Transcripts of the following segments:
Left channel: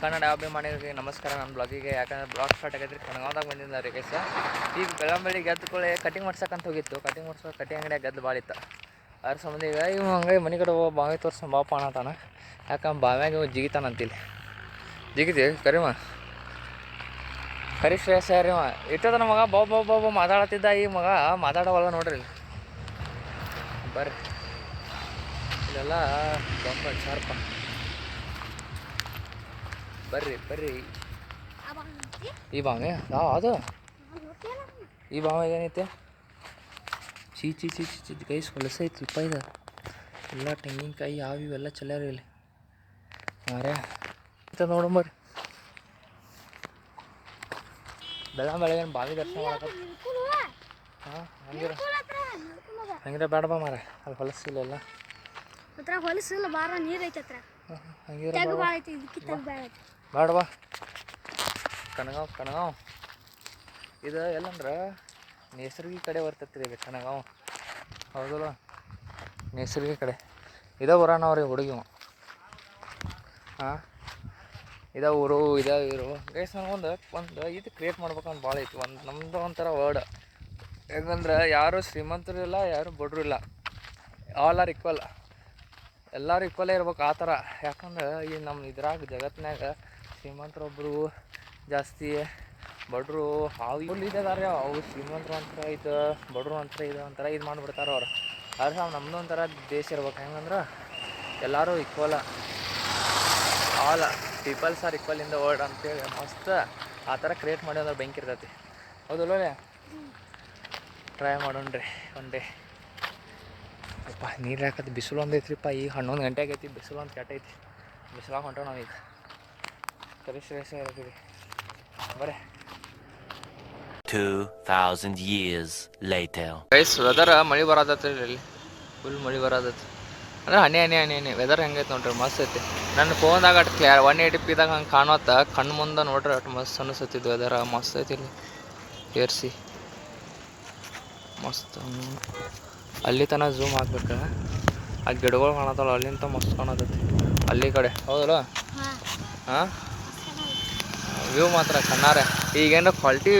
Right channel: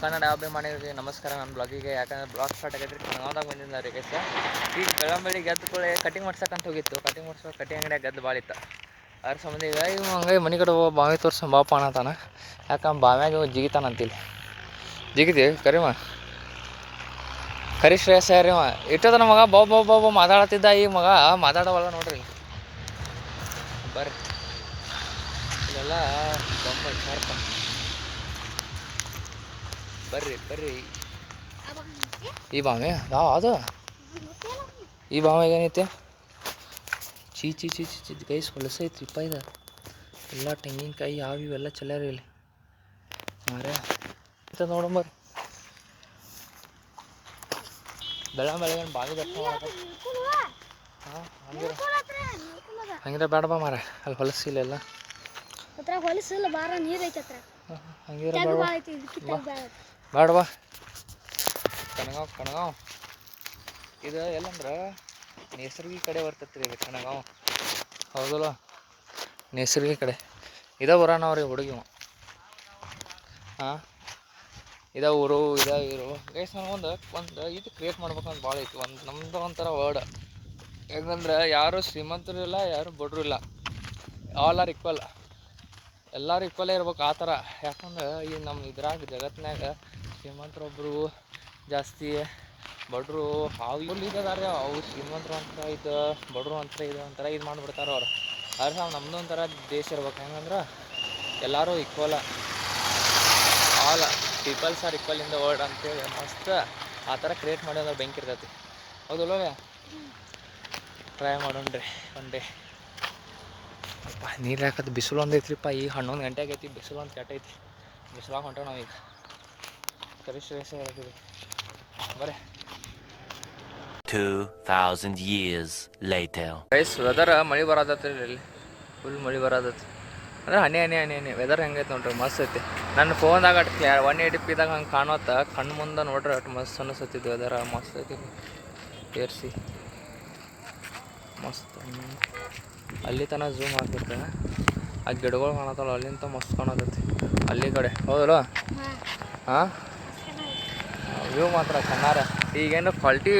ಕನ್ನಡ ಅಭಿಮಾನಿಗಳಿಗೆ ನಮಸ್ಕಾರ. ನನ್ನ ಬ್ಲಾಗಿಗೆ ಯಾಕಂದ್ರೆ ಬ್ಲಾಗ್ ಸ್ಟಾರ್ಟ್ ಆಗೈತ್ರಿ ಕಣಗಾವ್ದಾಗ ಬಂದಿದ್ದ ರೀ ಗೈಸ. ಈಗ ಬೆಳಂಬೆಳಿ ಗೆದ್ದುಕೊಳ್ಳಿ ಕಟಿಂಗ್ ಮಾಡ್ಸಕ್ಕಂತ ಹೋಗಿತ್ತು. ಕಟಿಂಗ್ ಮಾಡ್ಸೋ ಕಟಿಂಗ್ ಅಂಗಡಿಯಾಗ ಗೆದ್ದು ಭಾಳ ಇತ್ತು. ಅದ್ರ ಸಂಬಂಧ ಈಗ ಹಂಗೆ ಮನೆ ಕಡೆ ಬಾವಿ ತೋರ್ಸೋ ಬಾಪ ಅನ್ನತಾನ. ಯಾಕಂದ್ರೆ ಬಾವ್ಯಾಗ ಜಿಗಿತಾನಂತಿಲ್ಲಿ ಜಿಗಿತೀವಿ ಕರಿಮ ಕರಿ ಶ್ರೇಯಸ್ ರೀ ಅವ ಇಟ್ಟದ ಮಗ ಬಾಬಾ ಮಾತಾಡತ್ತಿದ್ದ. ಈ ಮಗ ಮಾತಾಡೋವಾಗ ನೋಡ್ರಿ ಬರ್ರಿ ಇಲ್ಲೆಲ್ಲ ಬೊಂಬ ಶಾರ್ಪ. ಬರ್ರಿ ಈ ಬಾವಿ ಯಾವ ಅದು ಈ ಬಾವಿಗೆ ಏನೈತೆ ಚೀ ಗೈಸ್ ಹೊಲಸೈತ್ರಿಪ್ಪ ಇದು. ಎಲ್ಲ ತೆಂಗಿನಕಾಯಿ ಯಾವ ಇವೆಲ್ಲ ಚಲ್ಯಾರ ಇಲ್ಲಿ ಮಾರ್ಯ ನೋಡಂಬರ್ರಿ. ಬೆಳಗ್ಗೆ ಬಾವಿ ದರ್ಶನ ಮಾಡಕ ಹಾಂ ಹಂಗಿರ ಬೇಡ ಬಾ ಮಾರ ಅಲ್ಲಿ ಹೊಲಸಿಲ್ಲ ಹೊಲಸಿಲ್ಲ ಬಾರ ನೀರು ಐತೆ ಹಂಗಿರ ಬೇಡ ಬಾ. ಕಣಗಾವ್ ಇದು ಎಲ್ಲಂದ್ರೆ ನೇಸರ್ಗಿ ಕಡೆ ಬರ್ತೈತೆ ರೀ ಇದು ಕಣಗಾವ್. ಹೌದಲ್ಲ ನೇಸರ್ಗಿ ಕಡೆ ಇದೇ ಬರೋಣವ್ರಿ ಹುಡುಗಿ. ಹಾಂ ಇದೇ ಊರು ಇದೇ ಇರು ಗೈಸ್. ನಾನು ಒಂದು ಇದು ಕ್ರಿಯೇಟ್ ಮಾಡ್ಬೇಕಂತ ಭಾಳ ಐತಿ. ನಮ್ಮದು ಒಂಥರ ವರ್ಡ್ ಹೆಂಗಂದ್ರೆ ಯಾರು ಶ್ರೀಮಂತರು ಇಲ್ಲ ಯಾರು ಬಡರು ಇಲ್ಲ, ಆಲ್ ಆರ್ ಈಕ್ವಲ್. ಎಲ್ಲರೂ ಈಕ್ವಲೇ ಇರ್ಬೇಕು ಆ ಥರ. ಯಾಕಂದ್ರೆ ಈ ನಮ್ಮ ಇದ್ರಾಗ ಜಗತ್ತಿನಾಗ ಶ್ರೀಮಂತರೊಬ್ಬರು ಜಾಸ್ತಿ, ಬಡರು ಅವು ಇದ್ದಾರೆ. ಅವು ಶ್ರೀಮಂತರು ಅಂತಾರೆ ಇದು, ಬಡರು ಅಂತಾರೆ ಇದು ಒಂಥರ ಇದು ಮಾಡಿಬಿಡ್ತಾರೆ ಅವ್ರು. ಆದ್ರೆ ನಮ್ಮದು ಒಂಥರ ದೇಶ ಇರ್ಬೇಕು. ಹೆಂಗಂದ್ರೆ ಎಲ್ಲರೂ equal, all peoples are equal in the world ಅಂತೇಳಿ ಮಸ್ತ್ ಆ ಥರ ಕ್ರಿಯೇಟ್ ಮಾಡಿ ಅಂದ್ರೆ ಬೆಂಕಿ ಇರ್ತೈತಿ. ಹೌದಲ್ವೇ? ಟ್ರೈ ಮಾಡೋಣ್ರಿ ಒನ್ ಡೇ. ಅಪ್ಪ ನೀರು ಹಾಕೋದು ಬಿಸಿಲು ಒಂದು ಐತ್ರಿಪ್ಪ. ಈಗ 11 ಗಂಟೆ ಆಗೈತಿ, ಬಿಸಿಲು ಒಂದು ಕೆಟ್ಟೈತಿ. ಬಿಸಿಲಾಗ ಹೊಂಟೋ ನಾವೀಗ ಕರಿ ಶ್ರೇಯಸ್ ಇರತ್ತೀವಿ ಬರೇ. 2000 years later. ಗೈಸ್ ವೆದರ್ ಮಳೆ ಬರತೈತಿ ಇಲ್ಲಿ, ಫುಲ್ ಮಳೆ ಬರತೈತಿ. ಅಂದ್ರೆ ಹನಿ ವೆದರ್ ಹೆಂಗೈತೆ ನೋಡ್ರಿ, ಮಸ್ತ್ ಐತಿ. ನನ್ನ ಫೋನ್ದಾಗ 180pದಾಗ ಹಂಗೆ ಕಾಣುತ್ತ ಕಣ್ಣು ಮುಂದೆ ನೋಡ್ರಿ ಅಷ್ಟು ಮಸ್ತ್ ಅನಿಸ್ತೈತಿದ್ದು ವೆದರ್. ಮಸ್ತ್ ಐತಿ ಇಲ್ಲಿ ಏರ್ಸಿ ಮಸ್ತ್. ಅಲ್ಲಿ ತನಕ ಝೂಮ್ ಹಾಕ್ಬೇಕು. ಆ ಗಿಡಗಳು ಕಾಣತ್ತಲ್ಲ ಅಲ್ಲಿಂದ ಮಸ್ತ್ ಕಾಣತೈತಿ ಅಲ್ಲಿ ಕಡೆ. ಹೌದಲ್ಲ? ಹಾಂ ವ್ಯೂ ಮಾತ್ರ ಕಣ್ಣಾರೆ. ಈಗೇನು ಕ್ವಾಲಿಟಿ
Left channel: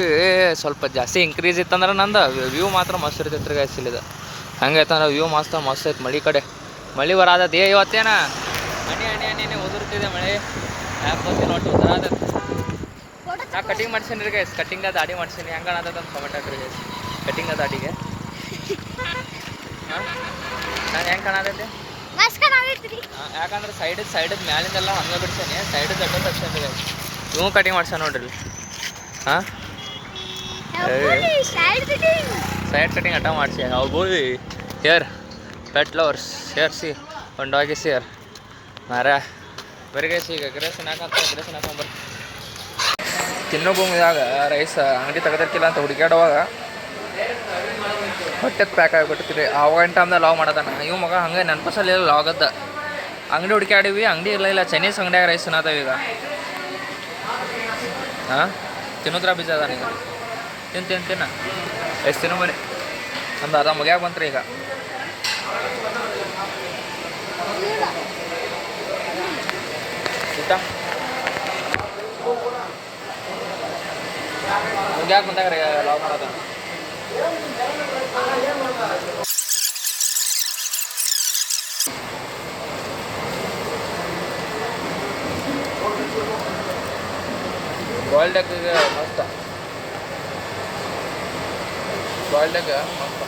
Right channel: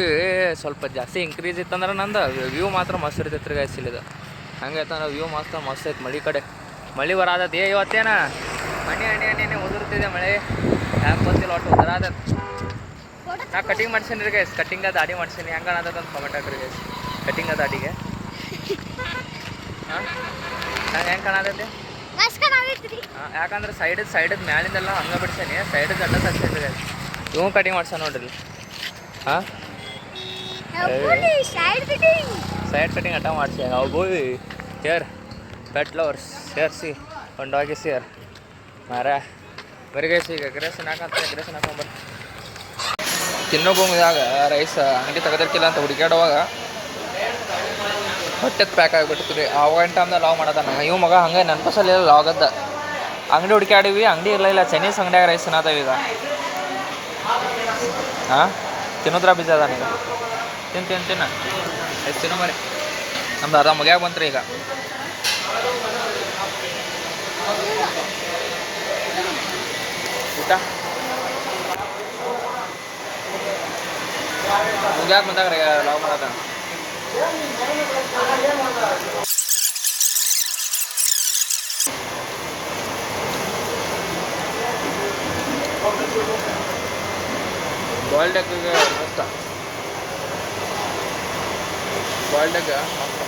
ಸ್ವಲ್ಪ ಜಾಸ್ತಿ ಇಂಕ್ರೀಸ್ ಇತ್ತಂದ್ರೆ ನಂದು ವ್ಯೂ ಮಾತ್ರ ಮಸ್ತ್ ಇರ್ತೈತೆ ರೀ ಗೈಸ್. ಇಲ್ಲಿದು ಹಂಗೈತೆ ಅಂದ್ರೆ ವ್ಯೂ ಮಸ್ತ್ ಐತೆ. ಮಳೆ ಕಡೆ ಮಳೆ ಬರತೈತಿ ಇವತ್ತೇನ ಹನಿ ಉದುರ್ತಿದೆ ಮಳೆ. ಯಾಕೆ ಗೊತ್ತಿಲ್ಲ ಒಟ್ಟು ಉದುರಾದೈತಿ. ನಾ ಕಟಿಂಗ್ ಮಾಡ್ಸೀನಿ ರೀ ಗೈಸ್, ಕಟಿಂಗ ದಾಡಿ ಮಾಡ್ಸೀನಿ. ಹೆಂಗೆ ಕಾಣತೈತೆ ಅಂತ ಕಮೆಂಟ್ ಹಾಕ್ರಿ ಗೈಸ್. ಕಟಿಂಗ ದಾಡಿಗೆ ಹಾಂ ನಂಗೆ ಹೆಂಗೆ ಕಾಣತೈತಿ? ಹಾಂ ಯಾಕಂದ್ರೆ ಸೈಡದ ಮ್ಯಾಲಿಂದೆಲ್ಲ ಹಂಗೆ ಬಿಡ್ಸೇನಿ, ಸೈಡದ ಅಡ್ಡ ತಗ್ಸೇನಿ ರೀ ಗೈಸ್. ಇವು ಕಟಿಂಗ್ ಮಾಡ್ಸೇನೆ ನೋಡ್ರಿ. ಹಾಂ ಸೈಡ್ ಕಟಿಂಗ್ ಅಟ್ಟ ಮಾಡಿಸಿ. ಬೋಯ್ ಹೇರ್ ಪೆಟ್ ಲವರ್ಸ್ ಸೇರಿಸಿ ಒಂದು ಡಾಗಿ ಸೇರ್ ಮಾರ ಬರಿಗೈಸಿ. ಈಗ ಎಗ್ರೆಸನ್ ಹಾಕಂತ ಎಗ್ರೆಸನ್ ಹಾಕೊಂಬರ್ರಿ. ತಿನ್ನೋ ಭೂಮಿದಾಗ ರೈಸ್ ಅಂಗಡಿ ತೆಗೆದಿರ್ಕಿಲ್ಲ ಅಂತ ಹುಡುಕ್ಯಾಡುವಾಗ ಹೊಟ್ಟೆದು ಪ್ಯಾಕ್ ಆಗಿಬಿಡ್ತೀರಿ. ಆವಾಗ ಟೈಮ್ದಾಗ ಲಾವ್ ಮಾಡೋದಾನ ಇವು ಮಗ. ಹಂಗೆ ನೆನಪಸಲ್ಲ ಲಾಗದ್ದ ಅಂಗಡಿ ಹುಡುಕ್ಯಾಡಿವಿ, ಅಂಗಡಿ ಇಲ್ಲ ಚೈನೀಸ್ ಅಂಗಡಿಯಾಗ ರೈಸ್ ತಿನ್ನತ್ತವ ಈಗ. ಹಾಂ ತಿನ್ನೋದ್ರ ಬೀಜ ಅದಾನ ಈಗ. ತಿನ್ನ ಎಷ್ಟು ತಿನ್ನೋ ಮರಿ. ನಮ್ದು ಅರ್ಧ ಮುಗಿಯಾಗ ಬಂತ್ರಿ ಈಗ. ಊಟ ಮುಗಿಯಾಕ ಬಂದಾಗ ರೀ ಲಾವ್ ಮಾಡೋದ. ಬಾಯ್ಲ್ಡ್ ಎಗ್ಗಿಗೆ ಮಸ್ತ, ಬಾಯ್ಲ್ಡ್ ಎಗ್ ಮಸ್ತ.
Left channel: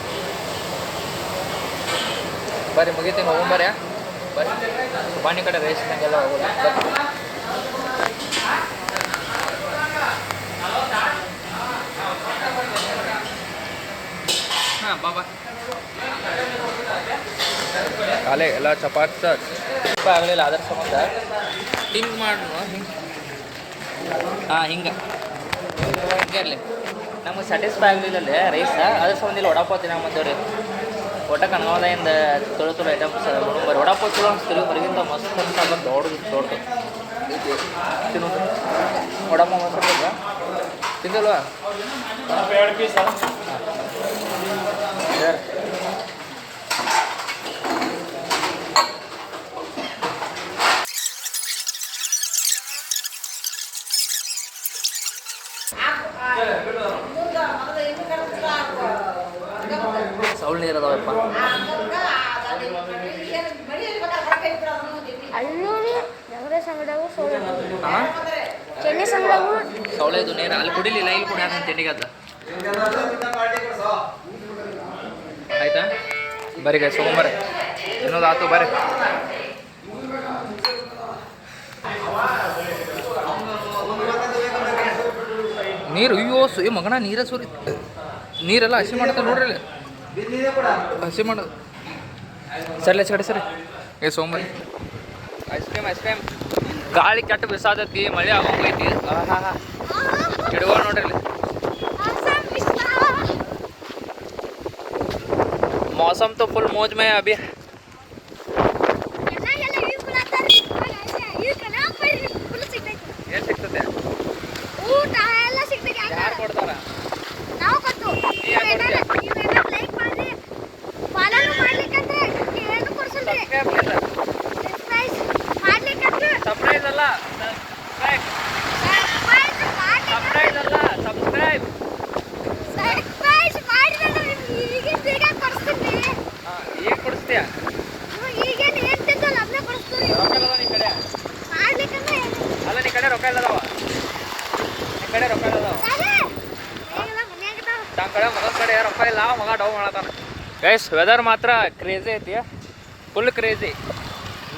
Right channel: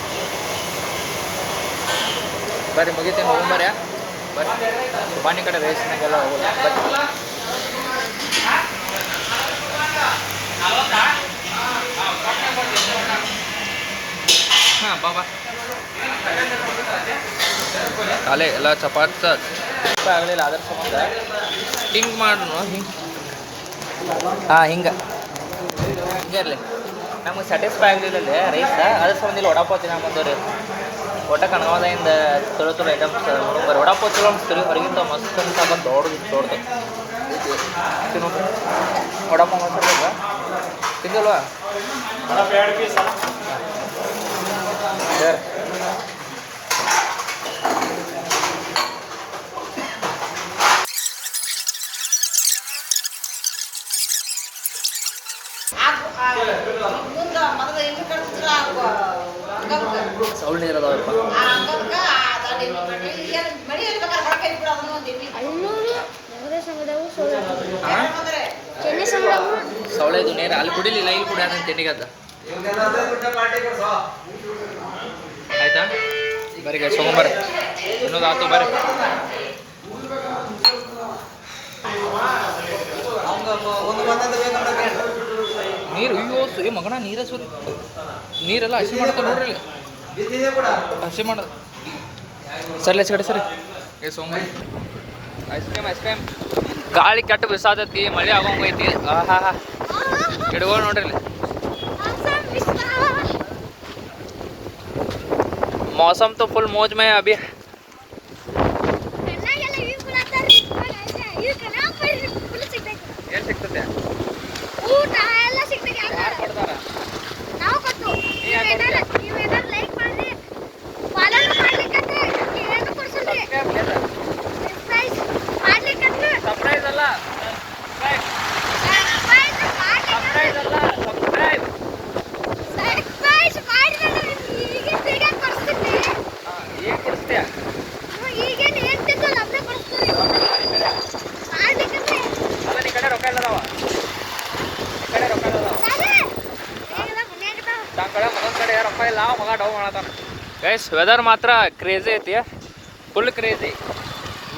ಬರ್ರಿ ಮುಗಿತೀನಿ ಹೋಗೊಂಬರ್ರಿ. ಬರ್ರಿ ಬಾಣಿ ಕಡೆ ರೈಸ್ನಾಗೆಲ್ಲ ಹೋಗೋದು ಬರ್ರಿ. ಕಾಲೇ ಎಲ್ಲ ಚಪಾತಿ ಆಗಲಿಲ್ಲ ಅದ್ರ ಸಂಬಂಧ ಹಿಂಗೆ ಮಾಡೋಣ. ಹಿಂಗೆ ಹಾಂ ಹಿಂಗೆ ಇರಲಿ. ನಮಗೆ ಸ್ಯಾಟಿಸ್ಫೈ ಆಗಲಿಲ್ಲಲ್ಲಿ ರೈಸ್, ಅದ್ರ ಸಂಬಂಧ ಇಲ್ಲಿ ವಡಾಪಾವ್ ತಿನ್ನಾಗ ಬಂದೇವ್ರಿ. ಒಟ್ಟ ಕಣಗಾವದಿಂದ ತೊಳು ಐಟಮ್ಸ್ ನೋಡ್ಬರ್ರಿ. ವಡಾಪಾವ್ ಚಲೋ ಅನಿಸ್ತೀರಿ, ಹೊರಗಿಂತ ಮಸ್ತ್ ಅಂತ ದೊಡ್ಡದು ತಿನ್ನೋದು. ವಡಾಪಾವ್ ಮಸ್ತ್ ಇರ್ತದ ತಿಂದಿಲ್ವಾ? ಸರ್ ಸೌಳ್ ನೀರು ಅದಾವಪ್ಪ. ಅಲ್ಲೂರಿ ಜಗದೀಶ್ ಅಂಗಡಿಯಾಗೂ ಸೋಳೆ ಹಾಂ ಚೆನ್ನೈ ಅಂಗಡಿಯಾಗೂ ಸೌಳೆದು ನೀರು ಅಲ್ಲಿ ಕುಡಿಲಿಲ್ಲ, ಇಲ್ಲಿ ಕುಡಿಯೋಣ ತಿಂಡಿಗದ. ಆಯ್ತಾ ಬರ್ರಿ ಗೈಸ್ ತೊಗೊಂಬರ್ರಿ, ಇನ್ನೊಂದು ಆತು ಬರ್ರಿ. ನೀರು ಅಯ್ಯೋ ಮಗನ ನೀರೇ ಸುರಿ, ನೀರೆಲ್ಲ ಹಸಿ ಮಾಡತ್ತ ನೋಡ್ರಿ ಇಲ್ಲಿ, ಹಸಿ ಮಾಡೋದು. ಸರಿ ಕಡೆ ಸರಿ ಏ ಸೋಂಬರಿ ಐಸ್ ಕ್ರೀಮ್ ಗಾಳಿ ಕೆಟ್ಟು ಬಿಸಾತೈತಿ, ಮಳೆ ಆಗೋಂಗೈತಿ. ಹಾ ಹಾ ಗಿಡಗಳು ನೋಡ್ರಿ ಇಲ್ಲಿ. मौसम तो फुल मौज में है अभी. ಏನು ಸಿಗ್ತದೆ? ಯಾರು ಕೊಡ್ತಾರ? ನೀ ಯಾರು ಕೊಡ್ತೀಯ? ಸರ್ಪ್ರೈಸ್ ಅಲ್ಲ, ಸರ್ಪ್ರೈಸ್ ಅಲ್ಲ, ಸಬ್ಸ್ಕ್ರೈಬ್. ಏನು ಕೊಡಿಸ್ತೀಯ? ಅಲ್ಲ ನೀ ಕಡೆ ರೊಕ್ಕ ಇಲ್ಲದಾವ, ಈ ಕಡೆ ರೊಕ್ಕ ಇಲ್ಲದಾವ, ತನ್ನ ಕಡೆ ಮಗನ ಕಡೆ ರೊಕ್ಕ ಇಲ್ಲ, ಮಗ ಡೌ ಮಾಡತಾನ. ಗೈಸ್ ವೆದರ್ ಮಾತ್ರ ಕ್ರೇಜಿ ಐತಿ, full crazy,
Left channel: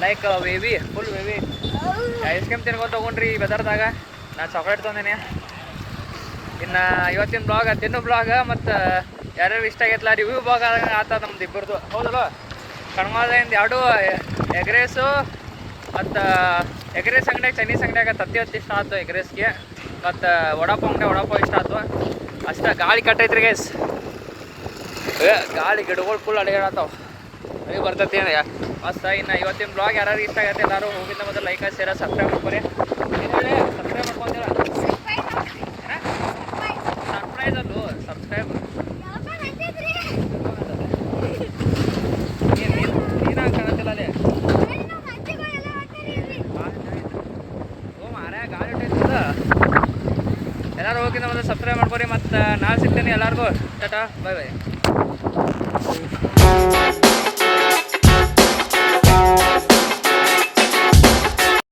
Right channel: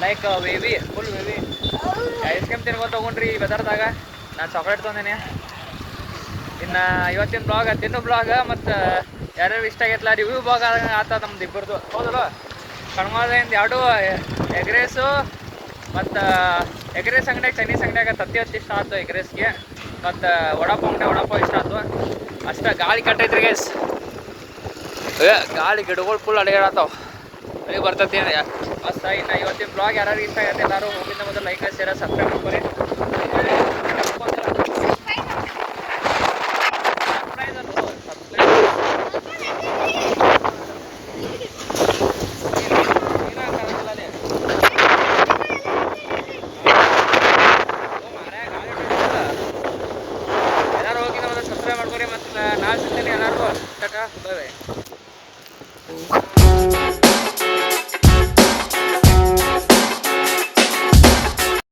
like ವೇವಿ, full ವೇವಿ. Ice cream ತಿನ್ಕೊಂಡು ತೊಗೊಂಡ್ರಿ ಈ ವೆದರ್ದಾಗ. ನಾನು ಚಾಕ್ಲೇಟ್ ತೊಗೊಂಡೇನೆ. ಇನ್ನು ಇವತ್ತಿನ ಬ್ಲಾಗ್ ತಿನ್ನೋ ಬ್ಲಾಗ್ ಮತ್ತು ಯಾರ್ಯಾರು ಇಷ್ಟ ಆಗೈತಲ್ಲ ರಿವ್ಯೂ ಬ್ಲಾಗ್ ಆತ ನಮ್ದು ಇಬ್ಬರದು, ಹೌದಲ್ಲ? ಕಣ್ಮಾದಿಂದ ಎರಡು ಎಗ್ ರೈಸು ಮತ್ತು ಎಗ್ ರೈಸ್ ಅಂಗಡಿಯಾಗ ಚೈನೀಸ್ ಅಂಗಡಿಯಾಗ ತತ್ತಿ ಇಷ್ಟ ಆಯ್ತು ಎಗ್ ರೈಸ್ಗೆ, ಮತ್ತು ವಡಾಪಾವ್ ಅಂಗಡಿ ವಡಾಪಾವ್ ಇಷ್ಟ ಆಯ್ತು ಅಷ್ಟೇ. ಗಾಳಿ ಕಟ್ಟೈತ್ರಿ ಗೈಸ್, ಗಾಳಿ ಗಿಡಗಳು ಫುಲ್ ಅಡಿಗಾಡತ್ತಾವ, ಈಗ ಬರ್ತೈತಿ ಮಸ್ತ. ಇನ್ನು ಇವತ್ತಿನ ಬ್ಲಾಗ್ ಯಾರು ಇಷ್ಟ ಆಗತ್ತೆ ಎಲ್ಲರೂ ಹೋಗಿದ್ದ ಮೊದಲು ಲೈಕ್ ಶೇರ್ ಸಬ್ಸ್ಕ್ರೈಬ್ ಮಾಡ್ಕೊರಿ. ಸರ್ಪ್ರೈಸ್ ಅದು ಸಬ್ಸ್ಕ್ರೈಬ್. ನೀನು ಕಾಣತ್ತಿಲ್ಲ ಅಲ್ಲಿ ಮಾರ ಗಾಳಿ ಹೊಟ್ಟಿಲ್ಲ. ಎಲ್ಲರೂ ಹೋಗಿದ್ದ ಮೊದಲು ಸಬ್ಸ್ಕ್ರೈಬ್ ಮಾಡ್ಕೊರಿ. ಮತ್ತು ನಾಳೆ ಸಿಗ್ತೀನಿ ಎಲ್ಲರಿಗೂ. ಟಾಟಾ, ಬಾಯ್ ಬಾಯ್.